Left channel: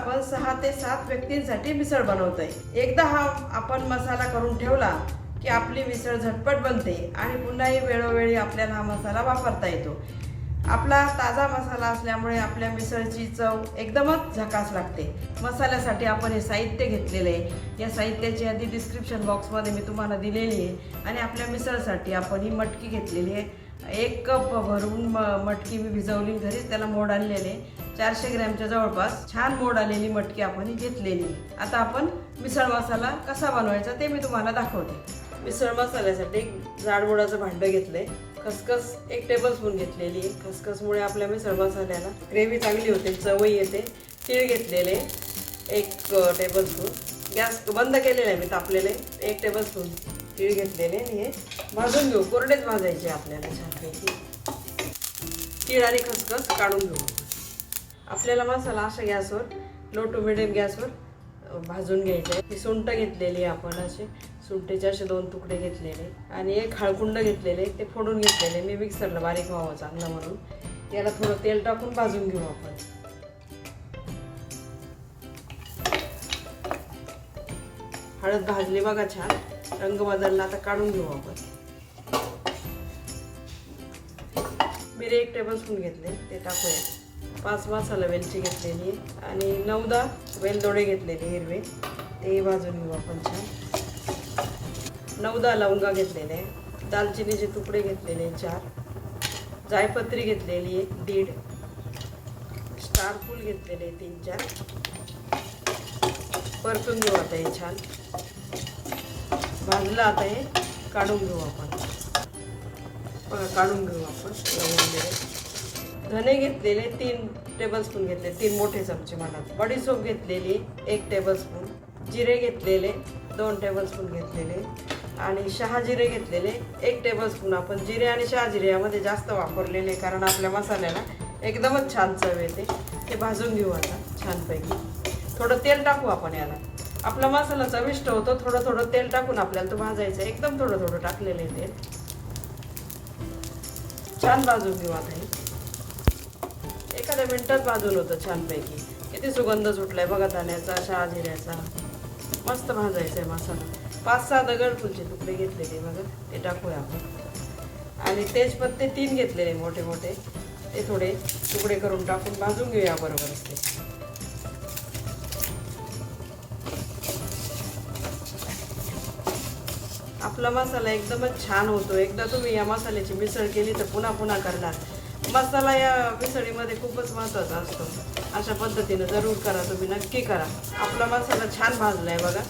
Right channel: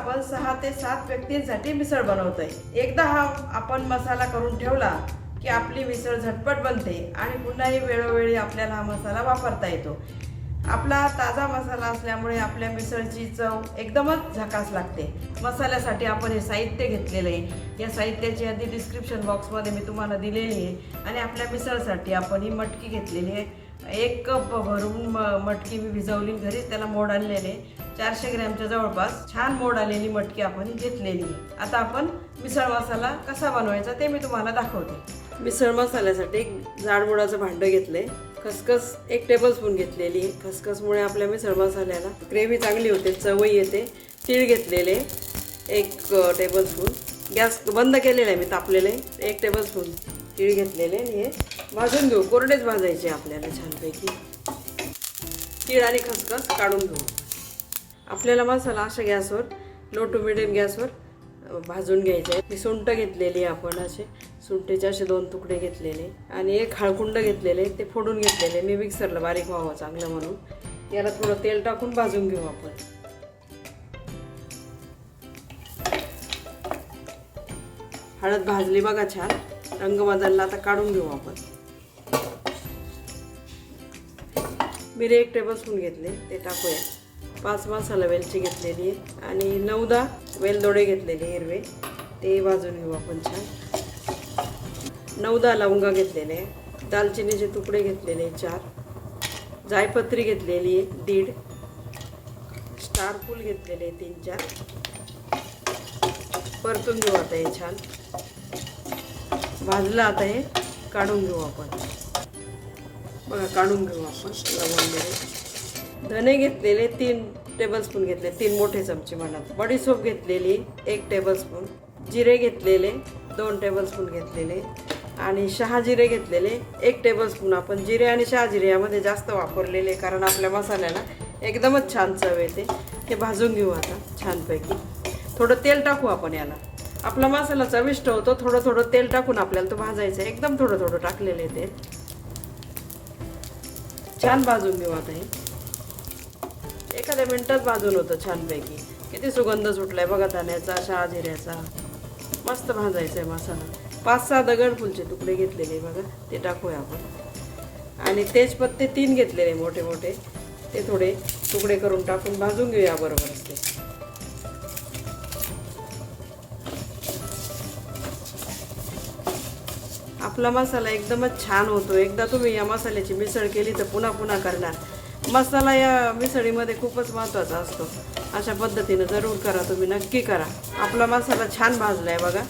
आपण सहा ते सात व्यक्तींसाठी मिसळ बनवतोय. एकदा हा आपण मसाला करून ठेवला की आपली मिसळ झटपट बनते आणि पुन्हाही वेळोवेळी आपल्याला हा मसाला वापरता येतो. आपला ताजा मसाला असल्यामुळे आपल्या मिसळची चव एकदमच झकास लागते. मसाल्यासाठी आपण हे साहित्य घेतलेले आहे. या साहित्याची यादी डिस्क्रिप्शन बॉक्समध्ये मी तुम्हाला दिलेली आहे आणि आपल्या मिसळसाठी आपण ही मटकी घेतलेली आहे. एक कप भरून म- मटकी मी भिजवली घरीच त्याला मोड आणलेले. चारशे ग्रॅमच्या जवळपास छान मोड आलेली मटकी आपण घेतलेली. आता आपण मिसळ मसाला कसा बनवायचा ते मी तुम्हाला दाखवते. मिसळ मसाल्यासाठी एक जाडमोडाचं भांडं घेतलंय. खसखस एक टेबलस्पून घेतलेली. खसखसमुळे आपल्या मिसळ मसाल्याला ग्रेव्ही चांगली होते चवई येते. तीळ घेतलेले एक टेबलस्पून गॅस बंद केलेला आहे मी तापलेले एक टेबलस्पून तीळ घेतलेले आणि हे भाजून घेऊ. कोरडेच भाजायचे आपल्याला छानपैकी. तीळ आणि खसखस काढून घेऊ. आपल्याला मसाला अशा गॅसवर लो टू मिडियम गॅसवर भाजून घ्यायचे. आहे. ही सुंट घेतलेली आहे आपण असे. सुंटेचे असे दोन तुकडे घेतलेले. आणि एक हळकुंड घेतलेले. ते फोडून घेतलेले. मी मिक्सरला बारीक व्हावं चांगलं म्हणून. याला थोडं तेल टाकून भाजून घेऊ आपण. हळद भाजली बघा छान. रंग बदलला आता काढून घेऊ आपण. मिरे एक टेबलस्पून घेतले ते टाकूया. पाच मसाला वेलची घेतलेली आहे आणि नऊदा वेलदोडे घेतलेले हिरवे. ते भाजून घेऊ आपण छान. नऊदा लवंगा घेतलेले दालचिनीचे तुकडे घेतलेले चार. जायपत्री घेतलेली आहे दीड. स्टार फूल घेतलेले तीन चार. परतून घेऊ आता हे छान. भाजलं आता हे काढून घेऊ आपण. काढून घेऊ. आपण वगैरे धने घेतलेले तीन टेबलस्पून घेतले. तीन मोठे चमचे मला बडीसोप घेतलेली एक टेबलस्पून जिरे घेतलेले दोन टेबलस्पून घेतलेले. आणि शहा जिरे घेतलेले एक टेबलस्पून आपण जिरे आणि शहा जिरे यामध्ये जास्त वापरलेले कारण आपल्या मसाल्याला एकदमच छान चव येते. हे भाजून घेऊ आता छानपैकी. थोडं तेल टाकू आपण याला. आपला मसाला चविष्ट होतो. थोडं थोडं तेल टाकून आपल्याला तो भाजायचं आहे. एकदम थोडं थोडं टाकलेलं आहे तेल छान भाजून घेऊ आता हे. एखाद्या मिनटात भाजून होतं छानपैकी. किती सुगंध सुटलाय बघा धान्याचा शहा जिऱ्याचा मस्त भाजायचा आहे मसाला. पाच सहा दगड फुलचे तुकडे घेतलेले बघा ते टाकूया आपण. आणि तेजपत्ते तीन घेतलेले मोठे मोठे ते थोडे तुकडे करून टाकून भाजून घेऊया बरोबर ते. आपला मसाला एकदमच छान होतो. एकदा तुम्ही या मसाल्याची मिसळ केली तर पुन्हा पुन्हा करणार. मसाला या मिसळीमध्ये खूपच महत्त्वाचा असतो. अशा पद्धतीनं जरूर करा तुम्ही नक्की करा. आपला मसाला छान भाजलाय बघा.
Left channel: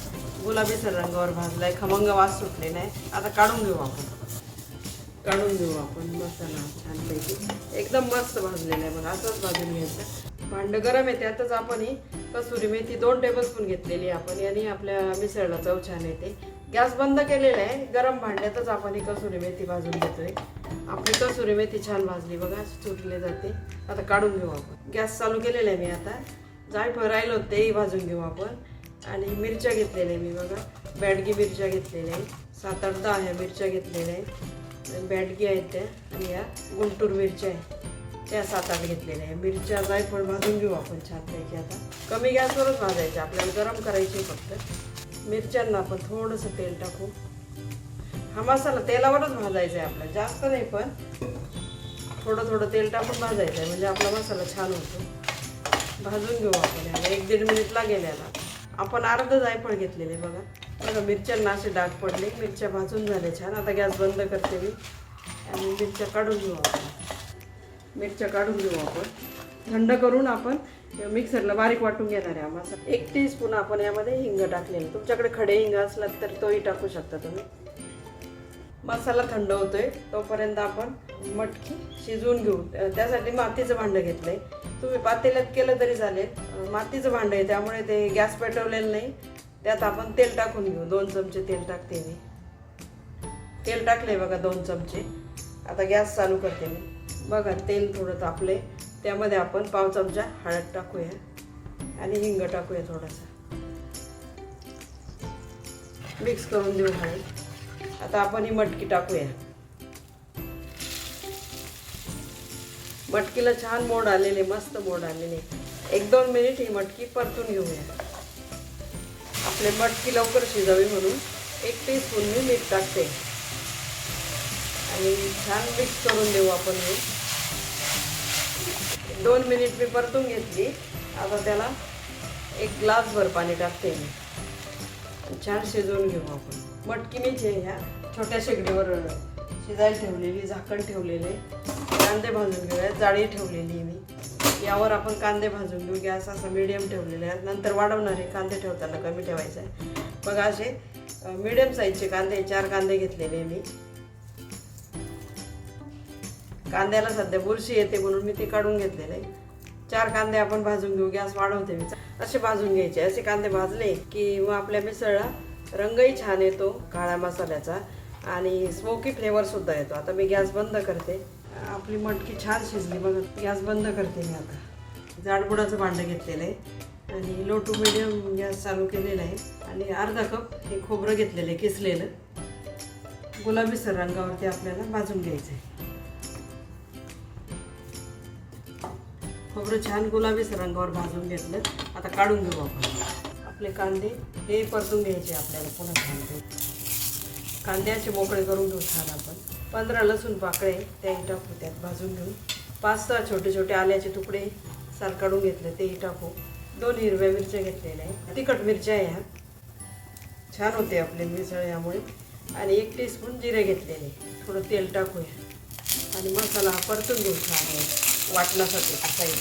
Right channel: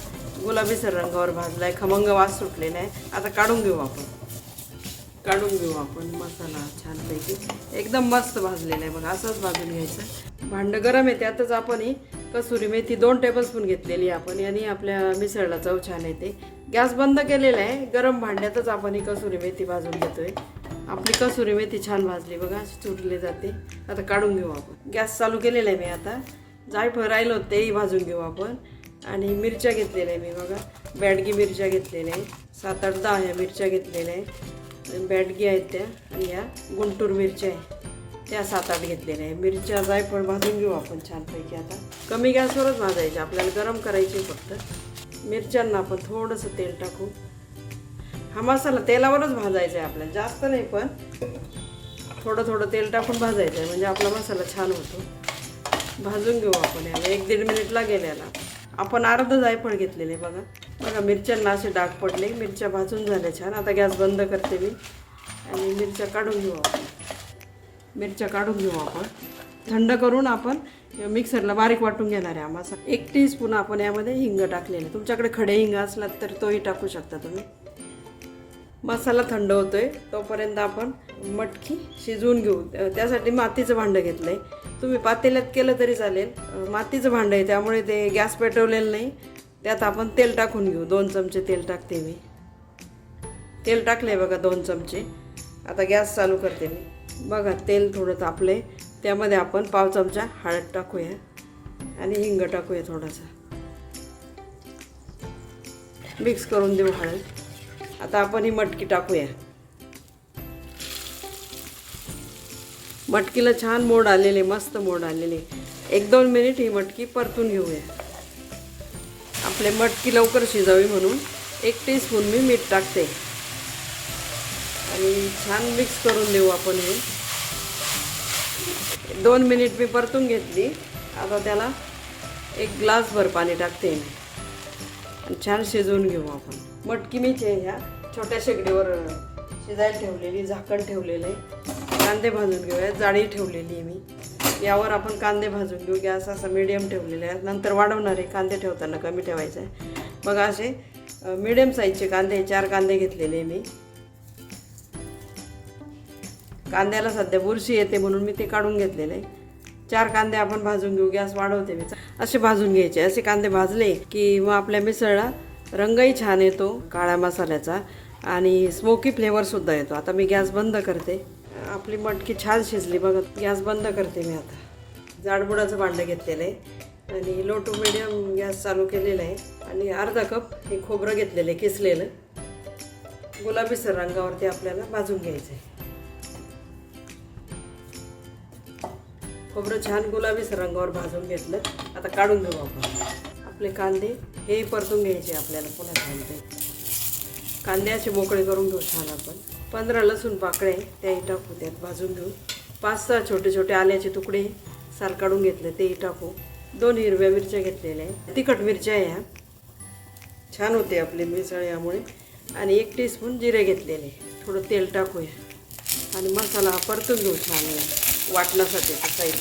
गुलाबीसर रंगावर भाजलाय खमंग वास सुटलेला आहे आता काढून घेऊ आपण. काढून घेऊ आपण मसाला छानपैकी. एकदम मस्त भाजलेला आहे बघा असंच भाजून घ्यायचं. भांडं गरम आहे त्यातच आपण ही कसुरी मेथी दोन टेबलस्पून घेतलेली आपण. याने आपल्या मिसळला चव छान येते. गॅस बंद केलेला आहे. गरम भांड्यातच आपण ही कसुरी मेथी भाजून घेतोय. आपली कसुरी मेथी छान भाजली बघा चुरले जाते. आता काढून घेऊ आपण. गॅस चालू केलेला आहे मी आता. जायफळ राहिलं होतं तेही भाजून घेऊ आपण. आणि मिरच्या घेतलेल्या आहे मी बघा. बॅडगी मिरच्या घेतलेल्या आहे. सात आठ दहा ह्या मिरच्या घेतलेल्या आहेत. बॅडगी आहेत त्या आणि या गुंटूर मिरच्या आहे त्या सात आठ घेतलेल्या आहे मिरच्या जायफळ भाजून घेऊ आपण छानपैकी आता. कमी गॅसवरच भाजायचे. आपल्याला गरम करायचे फक्त. मिरच्यांना आपण थोडंसं तेल टाकू. हा मसाला तेलावरच भाजायचा आहे आपल्याला जास्त नाही पण थोडं थोडं तेल टाकून भाजायचं आहे म्हणजे आपला मसाला छान होतो. भाजून घेऊ आपण याला एक दीड मिनिट लागेल याला. आपण अर्ध जायफळ घेतलेले बघा. बघा मिरच्यांना असे डाग पडले मिरच्या भाजून झाल्या छान. आता गॅस बंद करते मी. आणि मिरच्या काढून घेऊ आपण. मिरच्या काढून घेऊ आपण. थंड करून आपण मिक्सरला बारीक वाटून घेणार आहे आम्हाला एक टी स्पून आपण यामध्ये हिंग टाकलेलं. तुमच्याकडे खडे हिंग असला तर तोही टाकू शकता तुम्ही. मसाला थंड होतोय. तोपर्यंत आपण मटकी शिजवून घेऊ. त्यासाठी मातीचं भांडं घेतलंय. तुम्ही पातेल्यात केलं तरी चालेल. मातीचं भांडं आहे त्यामुळे ते गॅस पेटवलेलं नाही. त्यात आपण तेल टाकून घेऊ. दोन चमचे तेल टाकते मी. तेल टाकले बघा दोन चमचे. आता गॅस चालू करते मी. बघा तेल थोडं तापलंय. त्यामध्ये आपण पाव चमचा हळद टाकूया आणि हिंग टाकूया थोडासा. मिक्स करून देऊ हळद. आता आपण ही मटकी टाकूया. मटकीला छान मोड आलेले मस्त मोड आलेले. एक दोन मिनिट ही मटकी परतून घेऊया. आपले मटकी लवकर शिजावी म्हणून एक टीस्पून मी मीठ टाकते. आणि छान मिक्स करून देऊ आपण हे. दोन मिनिट मी परतून घेतली. आता त्याला एक ग्लासभर पाणी टाकते मी. छान शिजवून घेऊ आपण. मटकी मी आहे ह्या. छोट्या शेगडीवर शिजायला ठेवलेली झाकण ठेवलेलं आहे. कांदे भाजून घेऊया जाळी ठेवलेली आहे मी. यावर आपण कांदे भाजून घेऊ. गॅस असा मिडियम ठेवलेला आहे. नंतर वाढवणार आहे. कांदे ठेवताना कमी ठेवायचं आहे. बघा असे मिडियम साईजचे कांदे चार कांदे घेतलेले मी. कांद्याला सध्या बुरशी येते म्हणून मी ते काढून घेतलेले. आहे चार कांदे आपण भाजून घेऊ गॅस वाढवते मी. असे भाजून घ्यायचे. असे कांदे भाजले की मग आपल्या मिसळला रंगही छान येतो काळ्या मसाल्याचा. आणि स्मोकी फ्लेवरसुद्धा येतो. आता मी गॅस बंद करते. आपली मटकी छान शिजली. बघा गॅस बंद करते मी आता. जाडबुडाचं भांडं घेतलेलं आहे. आणि लो टू मिडियम गॅस चालू केलेला आहे. आणि अर्धा कप हे खोबरं घेतलेलं आहे किसलेलं. गुलाबीसर रंगावरती आपल्याला भाजून घ्यायचं आहे खोबरं छान गुलाबीच रंगावर भाजून घेतलं. आता काढून घेऊ आपण. आपले कांदे हे परतून घ्यायचे आपल्याला पुन्हा कांदे. कांदे असे मोकळे करून घेऊ छान आपण. पंधरा लसूण पाकळे त्याही टाकू त्यात भाजून घेऊ. पाच सहा छोटे छोटे आल्याचे तुकडे सार काढून घेतले तेही टाकू दोन हिरव्या मिरच्या घेतलेल्या आहेत. तिखट मिरच्या आहे ह्या छान होते आपले मिसळ यामुळे. आणि एक टीस्पून जिरे घेतलेले. थोडं तेल टाकूया. आणि मसाला परतून घेऊ छान. वाटण्यासाठी साईड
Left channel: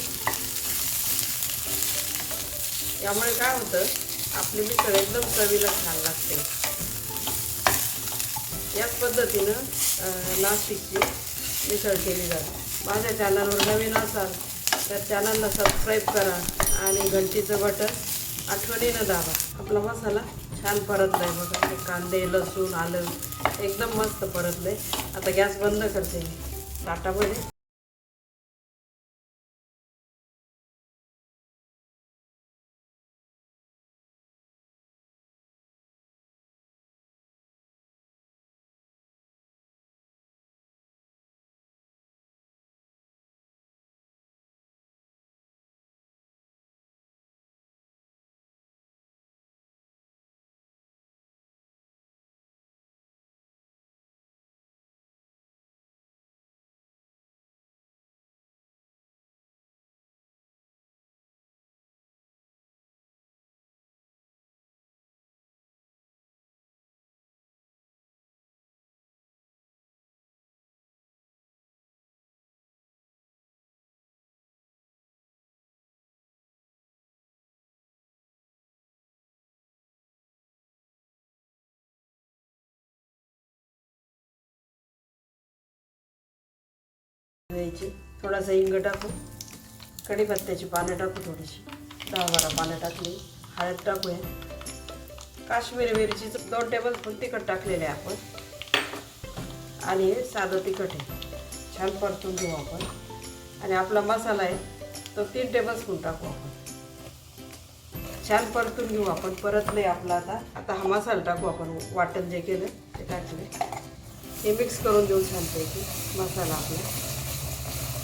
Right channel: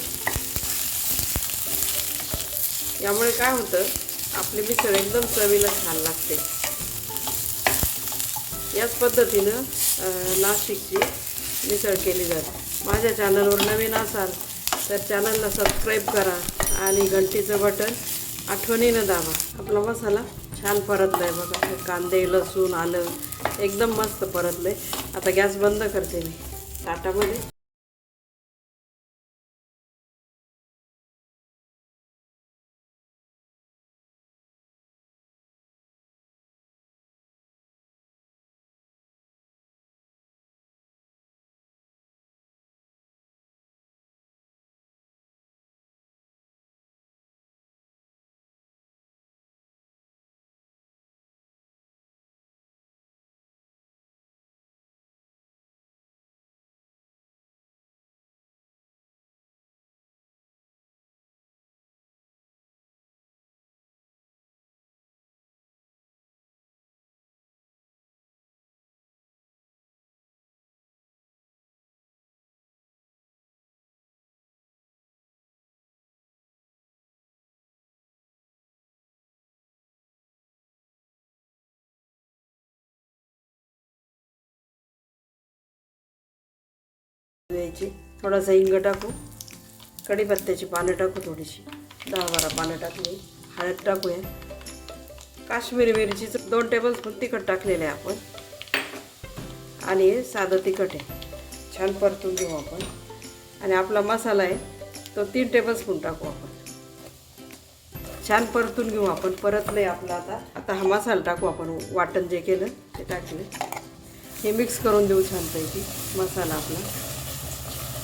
यामुळे काय होतं आपली मिसळ एकदम चवीला छान लागते. याच पद्धतीनं नाशिकची मिसळ केली जाते. माझ्या चॅनलवर नवीन असाल तर चॅनलला सबस्क्राईब करा आणि घंटीचं बटन आठवणीनं दाबा. आपला मसाला छान परतलाय बघा. कांदे लसूण आलं एकदम मस्त परतलंय. आता गॅस बंद करते मी. ताटामध्ये द्यायची थोडासा हिंग टाकू कढीपत्त्याची पानं टाकू थोडीशी. दहा बारा पानं टाकली. हळद टाकूया. काश्मीरी मिरचीचं दोन टेबलस्पून तिखट टाकलेले आहे आपण. आणि हे साधं तिखट आहे. छान परतून घेऊ आपण. आणि आपला मसाला आहे तो तीन टेबलस्पून टाकू आपण. छान परतून घेऊ आपण. परत नाही आपला आता. आता हा मसाला टाकू आपण. वाटण जे केलं ते टाकले. हे मिक्स करून देऊ छानपैकी मसाला आपला.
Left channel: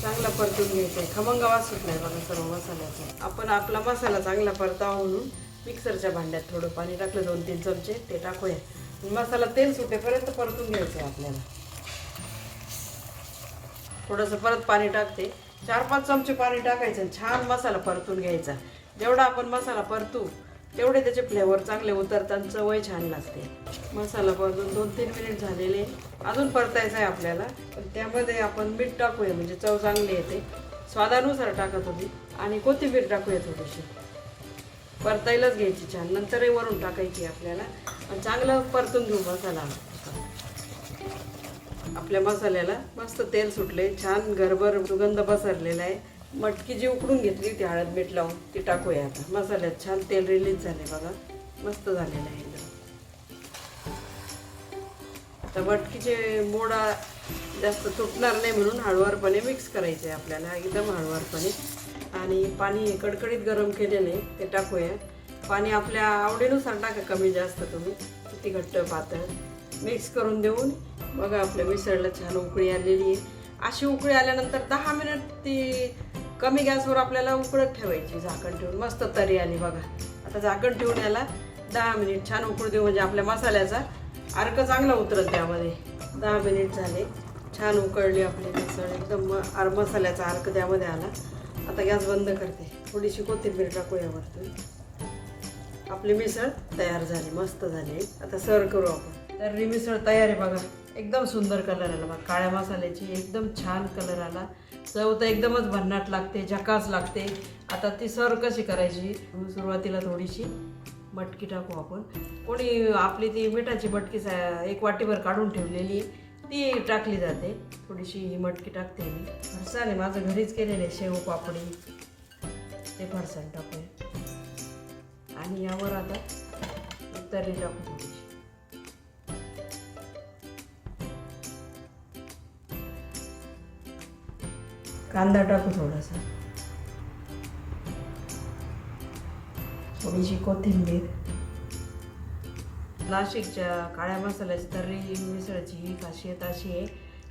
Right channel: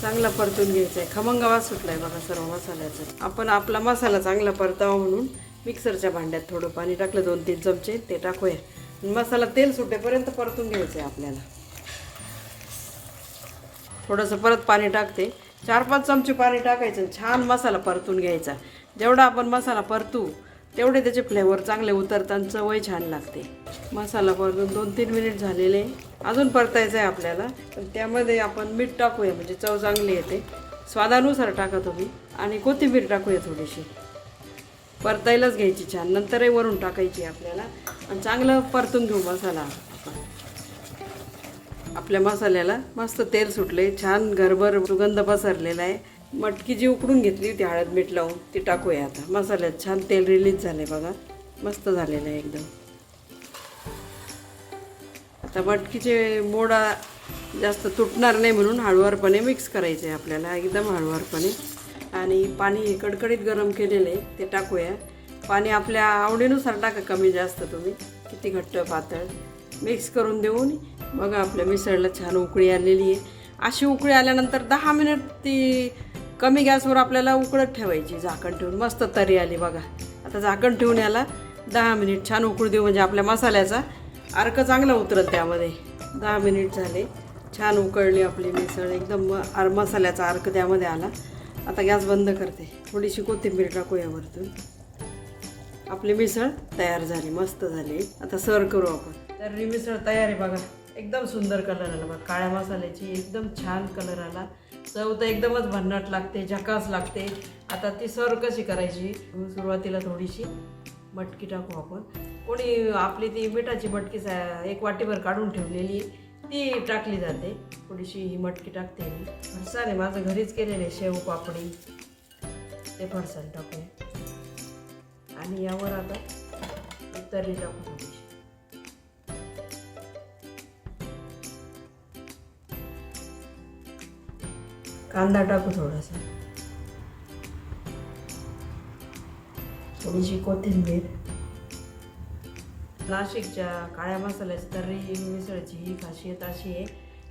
चांगला परतून घ्यायचा आहे. खमंग आवाज सुटलाय बघा सर्व मसाल्याचा. आपण आपला मसाला चांगला परतावा म्हणून मिक्सरच्या भांड्यात थोडं पाणी टाकलं दोन तीन चमचे ते टाकूया. मसाला तेल सुटेपर्यंत परतून घ्यायचं आहे आपल्याला. थोडंसं परत पाणी टाकते. चार पाच चमचे पाणी टाकायचं छान मसाला परतून घ्यायचा. जेवढा आपण मसाला परतू तेवढे त्याचे फ्लेवर चांगले उतरतात चवही छान लागते. मसाला परतून दोन तीन मिनिट झालेले. अजून परतायचं आहे आपल्याला. पण त्यामध्ये आपण मीठ टाकूया म्हणजे चव चांगली येते. स्वादानुसार टाका तुम्ही. आणि कोथिंबीर टाकूया थोडीशी. परतायलाच घ्यायची छान. नंतरही वरून टाकायची आपल्याला. आणि चांगलं परतून घेऊ मसाला. आपल्या मसाल्याला मस्त तेल सुटले. छान घरभर सुगंध पसरलेला आहे. मटकी जी उकडून घेतली होती हळद मीठ लावून ती टाकूया आता. मसाल्यात छान तेल रिलीज झाले बघा. मस्त झालेलं आहे एकदम. आता मटकीचे मोडा जास्त तुटणार नाही म्हणून हळूवारपणे मिक्स करायचे आहे आपल्याला एकदम हळूवारपणे. आणि पाणी कडकडीत गरम केलेलं आहे ते टाकूया. पाणी आपल्या आवडीनुसार टाका कमी जास्त तुम्ही किती घट्ट पातळ. मिक्स करून देऊन बघा आपल्या मिसळला छान उकळी आलेली आहे. अशी उकळी आल्यानंतर दहा मिनिट ती कमी गॅसवर आपल्याला उकळत ठेवायची झाकण ठेवून. मस्त तरी आली बघा. आता झाकण ठेवून याला दहा मिनिट छान उकळू देऊ म्हणजे आपल्या मसाल्याचा अर्क चांगला उतरत त्यामध्ये. दहा मिनिट झाले. छान उकळली आपली मिसळ. एकदम म- आर मसाल्याचा अर्क त्यामध्ये आला. आता गॅस बंद करते. थोडीशी कोथिंबीर टाकू यावरतून. आपली मिसळ तयार झाली. मस्त झाली. आता सर्व करू आपण. तर ही मिसळ तयार आहे बघा. एकदम सुंदर कलर आला बघा काळ्या मसाल्याची एकदम छान कलर आला. चव तर एकदमच भन्नाट लागते झकास लागते. आता ती सर्व कशी करायची? सुरुवातीला थोडीशी मटकी टाकू आपण. कोणी आपली ती मिठाची मटकी सा- एक वाटीभर काढून ठेवलेली ती टाकली जाते. थोडीशी ही मटकी टाकते मी. फरसाण आहे माझं घरीच केलेलं आहे शेव पापडी. ते फरसाण टाकू आणि यावर आता तरी टाकू कांदा टाकू थोडासा. थोडीशी कोथिंबीर. नाशिकच्या काळ्या मसाल्याची तर्री मिसळची ही खासियत अशी आहे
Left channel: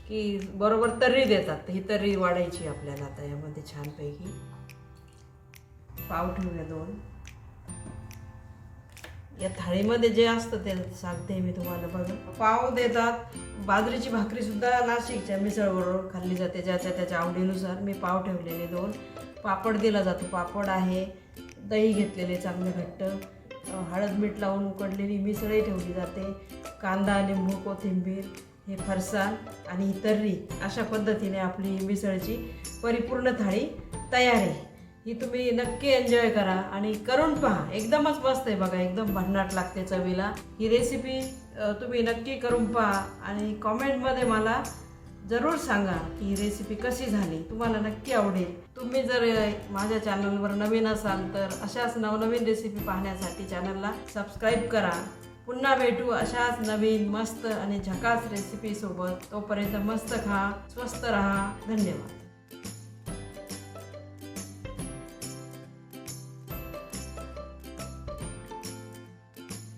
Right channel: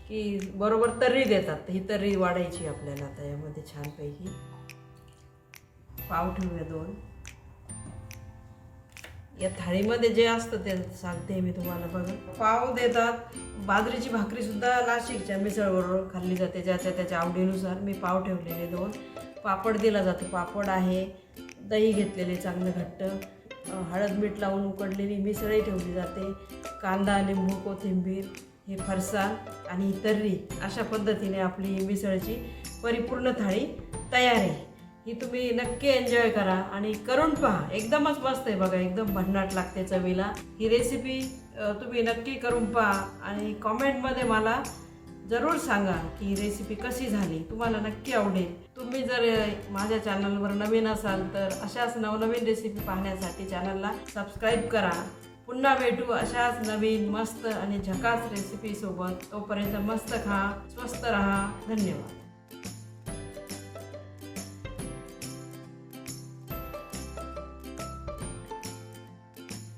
की बरोबर तर्री देतात. ही तर्री वाढायची आपल्याला आता यामध्ये छानपैकी. पाव ठेवूया दोन. या थाळीमध्ये जे असतं ते सांगते मी तुम्हाला बघा. पाव देतात. बाजरीची भाकरी सुद्धा नाशिकच्या मिसळबरोबर खाल्ली जाते. ज्याच्या त्याच्या आवडीनुसार मी पाव ठेवलेले दोन. पापड दिला जातो. पापड आहे. दही घेतलेले चांगलं घट्ट. हळद मीठ लावून उकडलेली मिसळही ठेवली जाते. कांदा लिंबू कोथिंबीर हे फरसाण आणि तर्री अशा पद्धतीने आपली मिसळची परिपूर्ण थाळी तयार आहे. ही तुम्ही नक्की एन्जॉय करा आणि करून पहा. एकदमच मस्त आहे बघा एकदम भन्नाट लागते चवीला. ही रेसिपी तुम्ही नक्की करून पहा आणि कॉमेंटमध्ये मला जरूर सांगा की ही रेसिपी कशी झाली. तुम्हाला नक्की आवडेल. तुम्ही जर माझ्या चॅनलवर नवीन असाल तर अशाच नवनवीन रेसिपी पाहण्यासाठी चॅनलला सबस्क्राईब करा. पुन्हा भेटू अशाच नवीन मस्त आणि झकास रेसिपीसोबत तोपर्यंत मस्त खा स्वस्त रहा. धन्यवाद.